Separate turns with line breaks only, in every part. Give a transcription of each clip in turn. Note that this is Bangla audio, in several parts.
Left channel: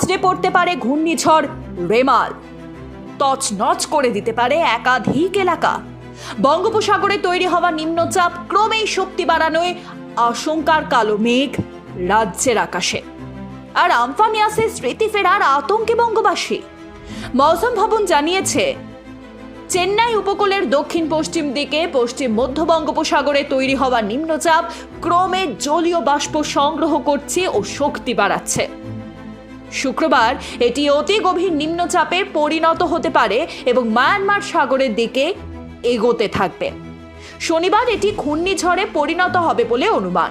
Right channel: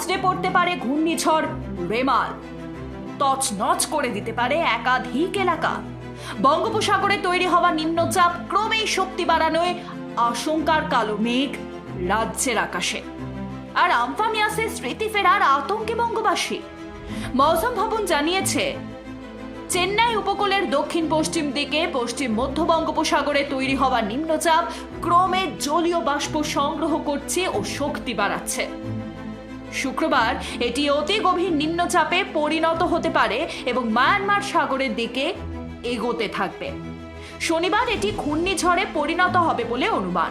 আছড়ে পড়তে পারে ঘূর্ণিঝড়, রেমাল। তছনছ করে দিতে পারে একাধিক এলাকা। বঙ্গোপসাগরে তৈরি হওয়া নিম্নচাপ ক্রমেই শক্তি বাড়ানোয় আশঙ্কার কালো মেঘ রাজ্যের আকাশে। আর আমফান ইয়াসের স্মৃতি ফেরার আতঙ্কে বঙ্গবাসী। মৌসুম ভবন জানিয়েছে, চেন্নাই উপকূলের দক্ষিণ পশ্চিম দিকে পশ্চিম মধ্য বঙ্গোপসাগরে তৈরি হওয়া নিম্নচাপ ক্রমে জলীয় বাষ্প সংগ্রহ করছে ও শক্তি বাড়াচ্ছে। শুক্রবার এটি অতি গভীর নিম্নচাপে পরিণত হতে পারে এবং মায়ানমার সাগরের দিকে এগোতে থাকবে। শনিবার এটি ঘূর্ণিঝড়ে পরিণত হবে বলে অনুমান।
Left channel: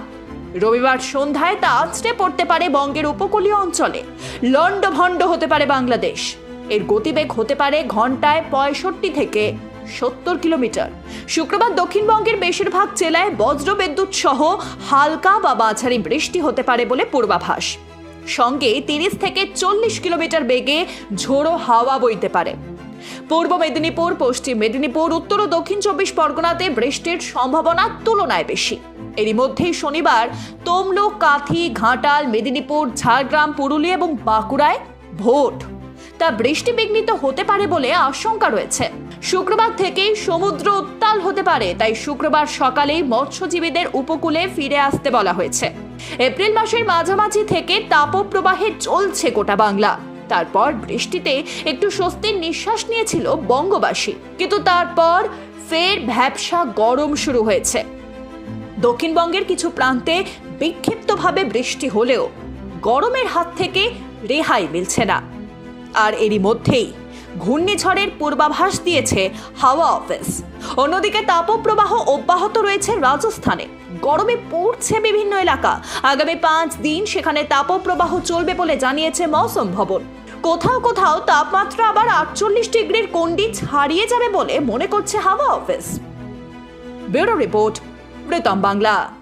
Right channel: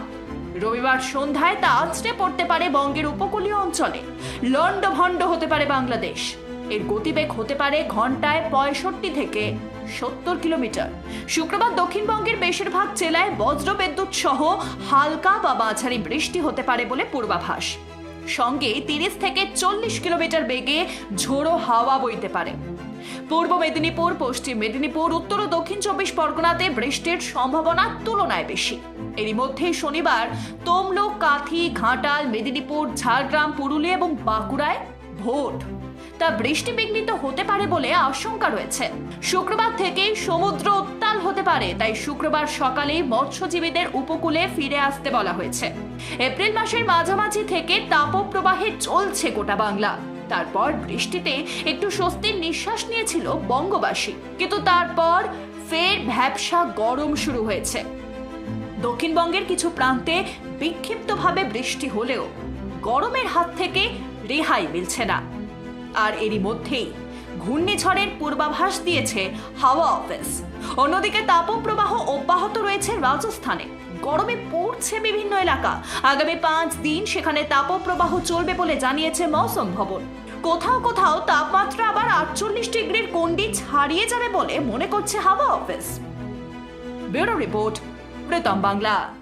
রবিবার সন্ধ্যায় তা আছড়ে পড়তে পারে বঙ্গের উপকূলীয় অঞ্চলে। লণ্ডভণ্ড হতে পারে বাংলাদেশ। এর গতিবেগ হতে পারে ঘন্টায় পঁয়ষট্টি থেকে সত্তর কিলোমিটার। শুক্রবার দক্ষিণবঙ্গের বেশিরভাগ জেলায় বজ্রবিদ্যুৎ সহ হালকা বা মাঝারি বৃষ্টি হতে পারে বলে পূর্বাভাস। সঙ্গে তিরিশ থেকে চল্লিশ কিলোমিটার বেগে ঝোড়ো হাওয়া বইতে পারে। পূর্ব মেদিনীপুর, পশ্চিম মেদিনীপুর, উত্তর ও দক্ষিণ চব্বিশ পরগনাতে বৃষ্টির সম্ভাবনা তুলনায় বেশি। এরই মধ্যে শনিবার তমলুক, কাঁথি, ঘাটাল, মেদিনীপুর, ঝাড়গ্রাম, পুরুলিয়া এবং বাঁকুড়ায় ভোট। তা বৃষ্টি বিঘ্নিত হতে পারে বলে আশঙ্কা রয়েছে। শুক্রবার থেকেই সমুদ্র উত্তাল হতে পারে, তাই শুক্রবার সকালেই মৎস্যজীবীদের উপকূলে ফিরে আসতে বলা হয়েছে। এপ্রিল মাসের মাঝামাঝি থেকে তাপপ্রবাহে চলছে গোটা বাংলা। তারপর বৃষ্টিতে একটু স্বস্তির নিঃশ্বাস নিয়েছিল বঙ্গবাসী। কিন্তু তারপর ফের ভ্যাবসা গরম শুরু হয়েছে। দক্ষিণবঙ্গের কিছু প্রান্তে বিক্ষিপ্তভাবে বৃষ্টি হলেও গরমের হাত থেকে রেহাই মিলছে না। আর এরই মধ্যেই ঘূর্ণিঝড়ের পূর্বাভাস দিয়েছে হাওয়া অফিস। অন্যদিকে তাপপ্রবাহ অব্যাহত রয়েছে রাজস্থানে। গরমে পড়ছে বিভিন্ন এলাকা। আগামী পাঁচ দিন সেখানে তাপপ্রবাহ চলবে বলে জানিয়েছে মৌসুম ভবন। কোথাও কোথাও তাপমাত্রা আবার আটচল্লিশ ডিগ্রির কন্ডি ছাড়িয়ে যাবে বলে মনে করছে হাওয়া office. Bureau report Pritam Bangla.